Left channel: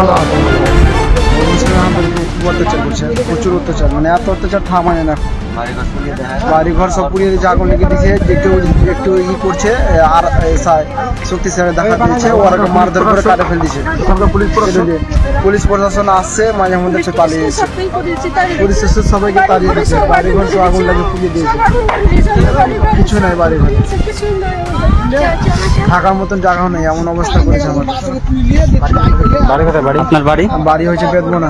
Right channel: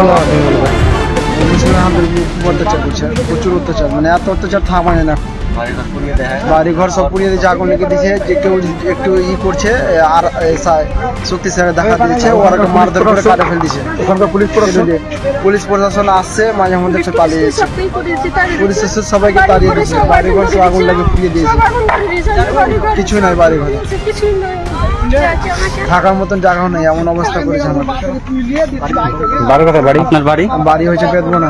ভালো হবে। মুসলিম খুব অত্যাচার করছে, প্রচুর অত্যাচার, মানে এত অত্যাচার থামায় না। বাড়ি ঘর সব পুড়িয়ে দিয়েছে, আগুন লেগে দিয়েছে। যে কেউ একটু করছে আর শক্তিশালী দেখা দিয়েছে, ওরা মারধর করে কাটে ফেল দিচ্ছে। পুলিশ প্রশাসন আসছে, মাঝে মধ্যে একটু পালিয়ে যাচ্ছে। পুলিশ সবাইকে তাড়িয়ে দিচ্ছে, বাড়ি ঘর সব আগুন লাগিয়ে পুড়িয়ে দিয়েছে। কিছু নাই, বাড়ি ঘর থাকার মতন জায়গাও নেই, এমন অবস্থা করেছে আমার। বাড়ি কোথায়? বাড়ি আপনার বাড়ি? বাড়ি হয়েছে বেদবনা।